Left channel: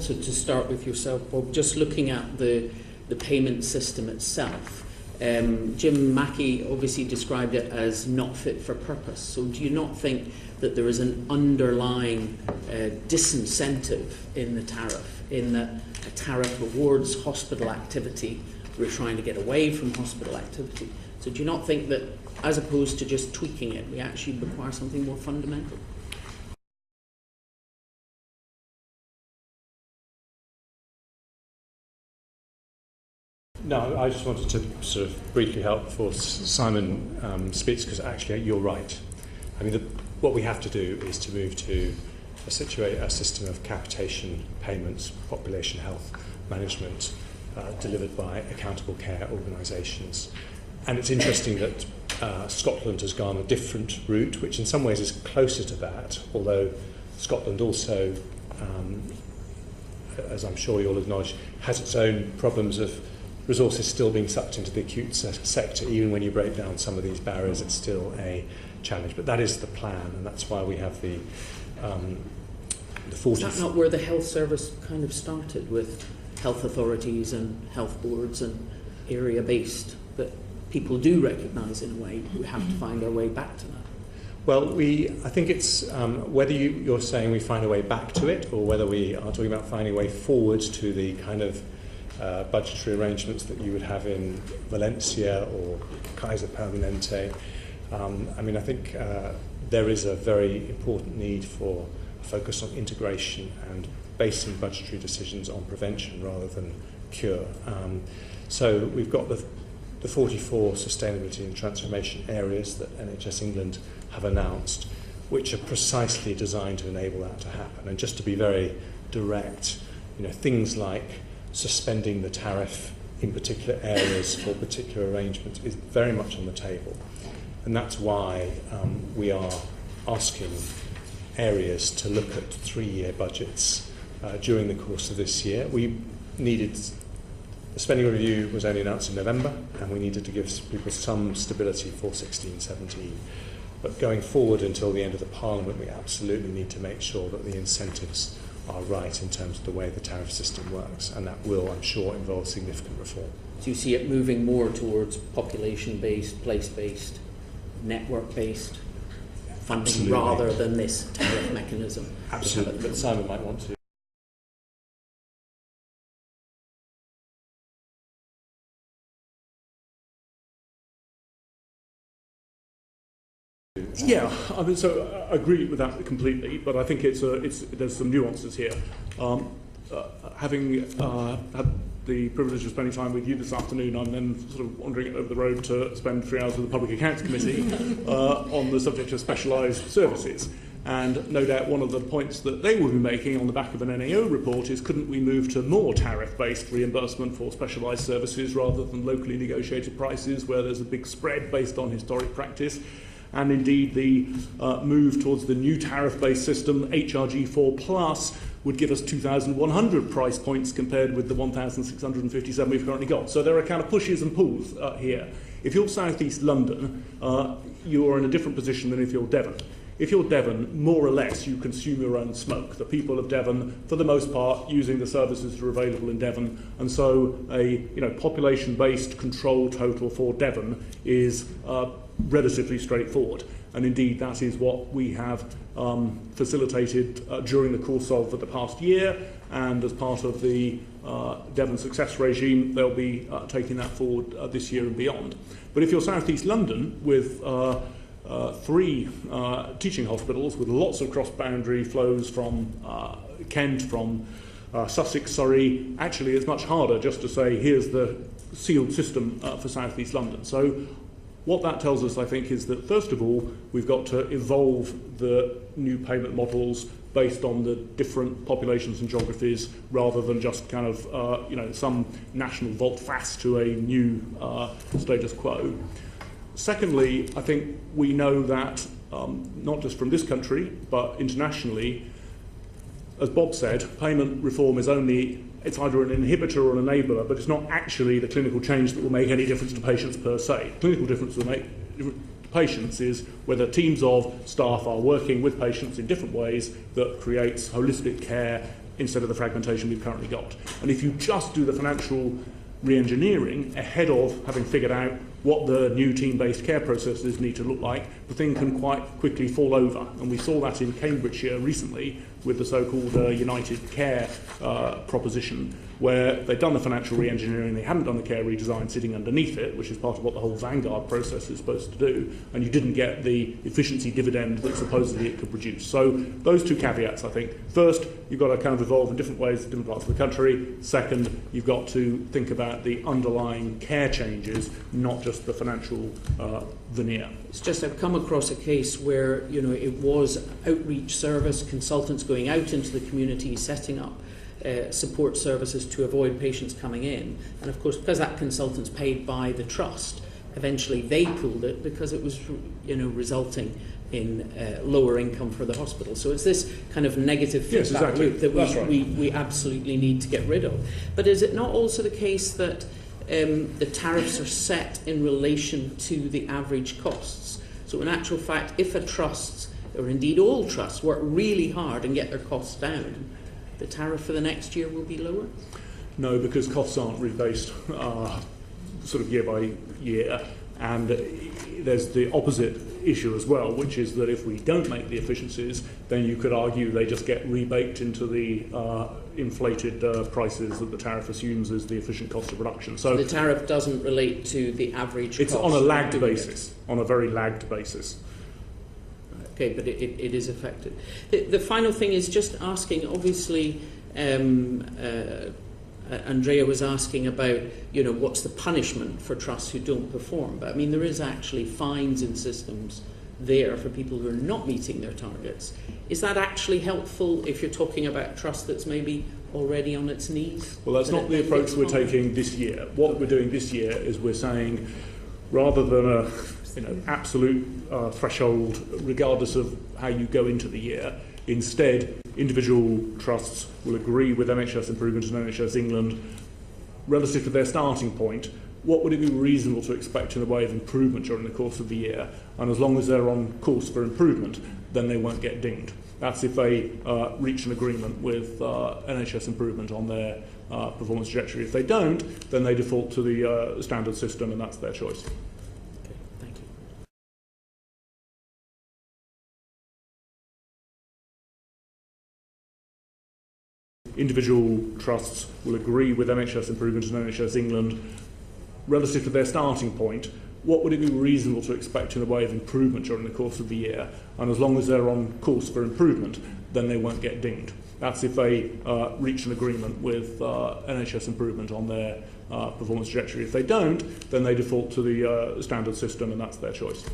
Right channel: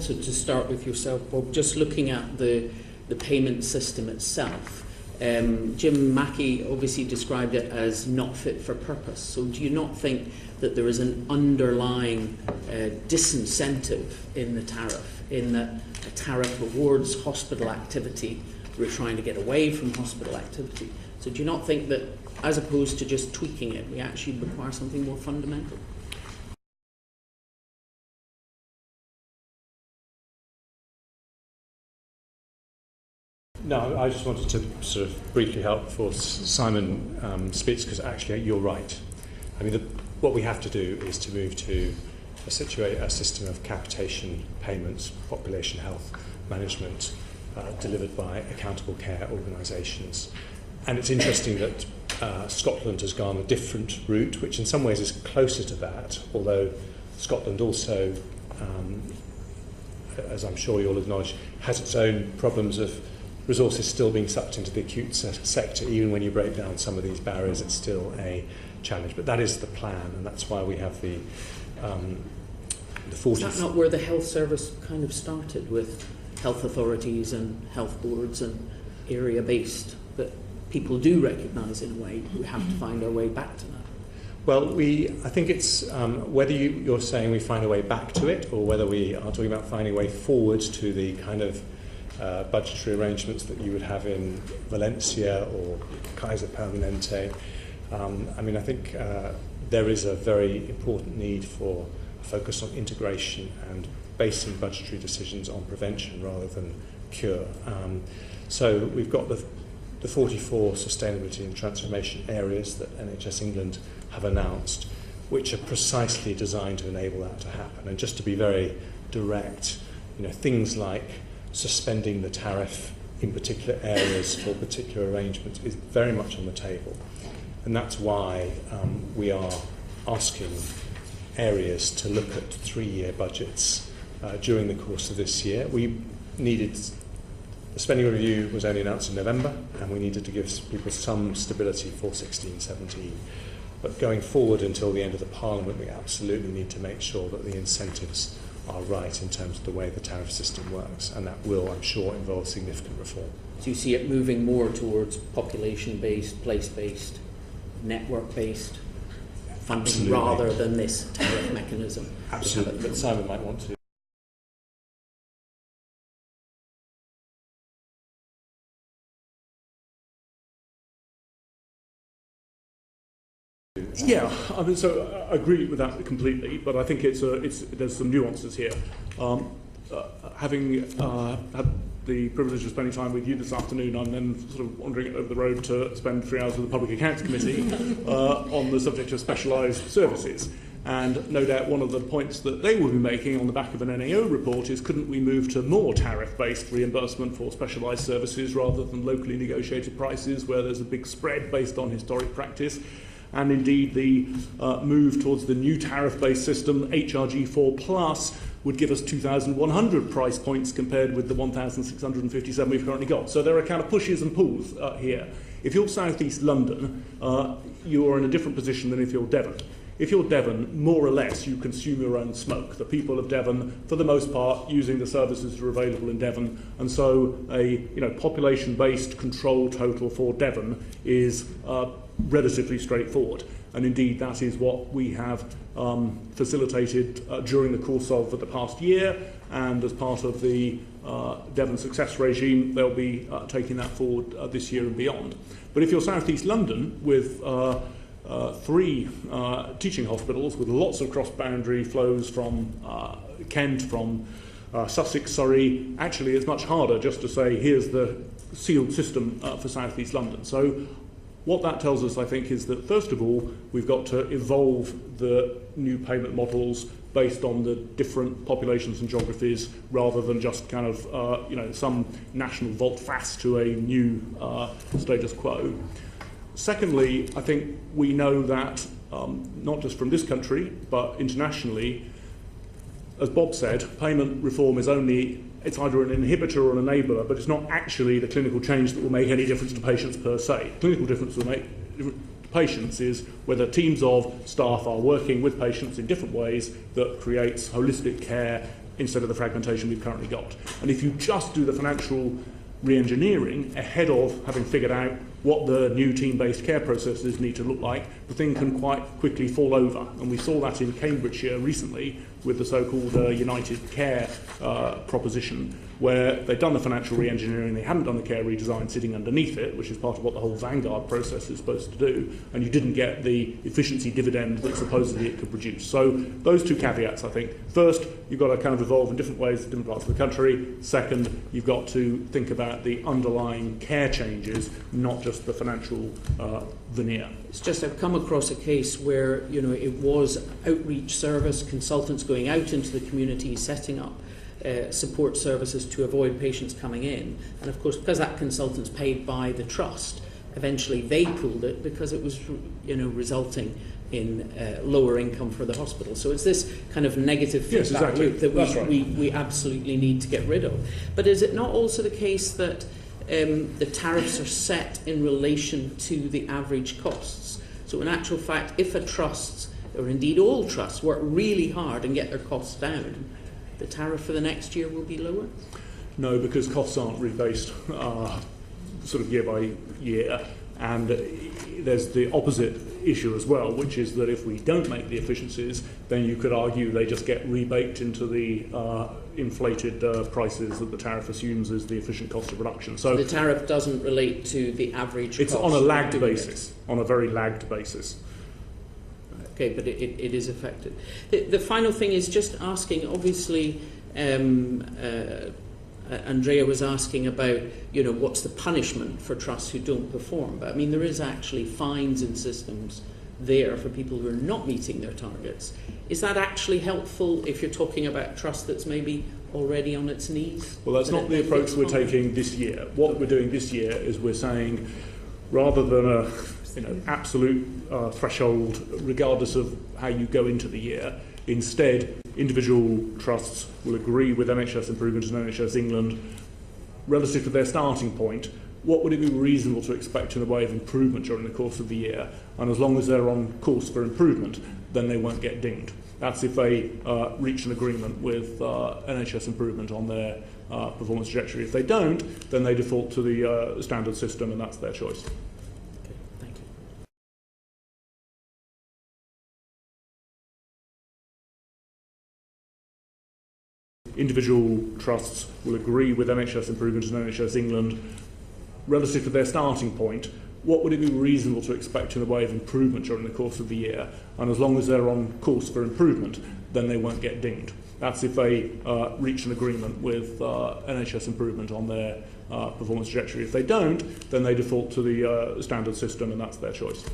So to start with yourself, Bob, just looking at the payment system itself, Jim Mackey obviously described it as not fit for purpose. So do you not think that there is an underlying disincentive in the tariff, in that a tariff rewards hospital activity? We're trying to get away from hospital activity. So do you not think that, as opposed to just tweaking it, we actually require something more fundamental? No, I just wanted to sort of briefly help before Simon speaks, because actually you're right. I mean, what we have to do is to move to situate a system of capitation payments, population health management, delivered by accountable care organisations. And it's interesting that Scotland has gone a different route, which in some ways is closer to that, although Scotland also, as I'm sure you'll acknowledge, has its own problems of resources still being sucked into the acute sector. Even when you break down some of these barriers, it's still a challenge. But that is the plan, and that's why we have the 40... Is that not where the health service kind of started, with health authorities and health boards and area-based? But people do recognise, in a way, we have to find our way back to that. Well, I think it's whether you're saying we find a way back to it, or whether we are talking about finding a way forward to the kind of budgetary arrangements that you would have in Valencia or Kaiser Permanente. I mean, I think there is a very important need for a focus on integration and basing budgetary decisions on prevention rather than cure. So we've got the 44 sustainability and transformation areas that NHS England have announced, which are precisely designed to enable that to happen. And just to be very direct, things like suspending the tariff in particular areas for particular arrangements is very much on the table. And that's why we are asking areas to look at 3-year budgets during the course of this year. The spending review was only announced in November, and we needed to give people some stability for 16-17. But going forward until the end of the Parliament, we absolutely need to make sure that the incentives are right in terms of the way the tariff system works, and that will, I'm sure, involve significant reform. Do you see it moving more towards population-based, place-based, network-based funding? Absolutely. Rather than this tariff mechanism? Absolutely. Simon might want to. Yeah, I mean, so I agree with that completely, but I think there's some nuances here. Having had the privilege of spending time with you this afternoon, I'm then sort of wandering over the road to spend 3 hours with the Public Accounts Committee on the subject of specialised services. And no doubt one of the points that they will be making on the back of an NAO report is, couldn't we move to more tariff-based reimbursement for specialised services rather than locally negotiated prices where there's a big spread based on historic practice? And indeed the move towards the new tariff-based system, HRG4 Plus, would give us 2,100 price points compared with the 1,657 we've currently got. So there are kind of pushes and pulls here. If you're South East London, you are in a different position than if you're Devon. If you're Devon, more or less you consume your own smoke. The people of Devon, for the most part, using the services that are available in Devon, and so a population-based control total for Devon is relatively straightforward. And indeed, that is what we have facilitated during the course of the past year, and as part of the Devon Success Regime, they'll be taking that forward this year and beyond. But if you're South East London, with 3 teaching hospitals with lots of cross-boundary flows from Kent, from Sussex, Surrey, actually it's much harder just to say, here's the sealed system for South East London. So what that tells us, I think, is that first of all, we've got to evolve the new payment models based on the different populations and geographies, rather than just kind of some national volte-face to a new status quo. Secondly, I think we know that not just from this country but internationally, as Bob said, payment reform is it's either an inhibitor or an enabler, but it's not actually the clinical change that will make any difference to patients per se. Clinical difference will make to patients is whether teams of staff are working with patients in different ways that creates holistic care instead of the fragmentation we've currently got. And if you just do the financial re-engineering ahead of having figured out what the new team-based care processes need to look like, the thing can quite quickly fall over. And we saw that in Cambridgeshire recently with the so-called United Care proposition, where they'd done the financial re-engineering, they hadn't done the care redesign sitting underneath it, which is part of what the whole Vanguard process is supposed to do, and you didn't get the efficiency dividend that supposedly it could produce. So those two caveats, I think. First, you've got to kind of evolve in different ways in different parts of the country. Second, you've got to think about the underlying care changes, not just the financial veneer. It's just I've come across a case where, you know, it was outreach service, consultants going out into the community, setting up support services to avoid patients coming in. And of course, because that consultant's paid by the trust, eventually they pulled it because it was, you know, resulting in lower income for the hospital. So it's this kind of negative feedback loop that we absolutely need to get rid of. But is it not also the case that the tariffs are set in relation to the average costs? So in actual fact, if a trust, or indeed all trusts, work really hard and get their costs down, the tariff for the next year will be lower? No, because costs aren't rebased sort of year by year. And there's the opposite issue as well, which is that if we don't make the efficiencies, then you could argue they just get rebaked into the inflated prices that the tariff assumes is the efficient cost of production. So the tariff doesn't relate to the average it's cost. On a lagged basis, on a very lagged basis. Okay, but it is affected. The final thing is just asking, obviously, Andrea was asking about, you know, what's the punishment for trusts who don't perform. But I mean, there is actually fines and systems there for people who are not meeting their targets. Is that actually helpful if you're talking about a trust that's maybe already on its knees? Well, that's not the approach we're taking this year. What we're doing this year is we're saying, rather than a absolute threshold, regardless of how you go into the year, instead, individual trusts will agree with NHS Improvement and NHS England relative to their starting point. What would it be reasonable to expect in the way of improvement during the course of the year? And as long as they're on course for improvement, then they won't get dinged. That's if they reach an agreement with NHS Improvement on their performance trajectory. If they don't, then they default to the standard system, and that's their choice. Individual trusts will agree with NHS Improvement and NHS England relative to their starting point. What would it be reasonable to expect in the way of improvement during the course of the year? And as long as they're on course for improvement, then they won't get dinged. That's if they reach an agreement with NHS Improvement on their performance trajectory. If they don't, then they default to the standard system, and that's their choice.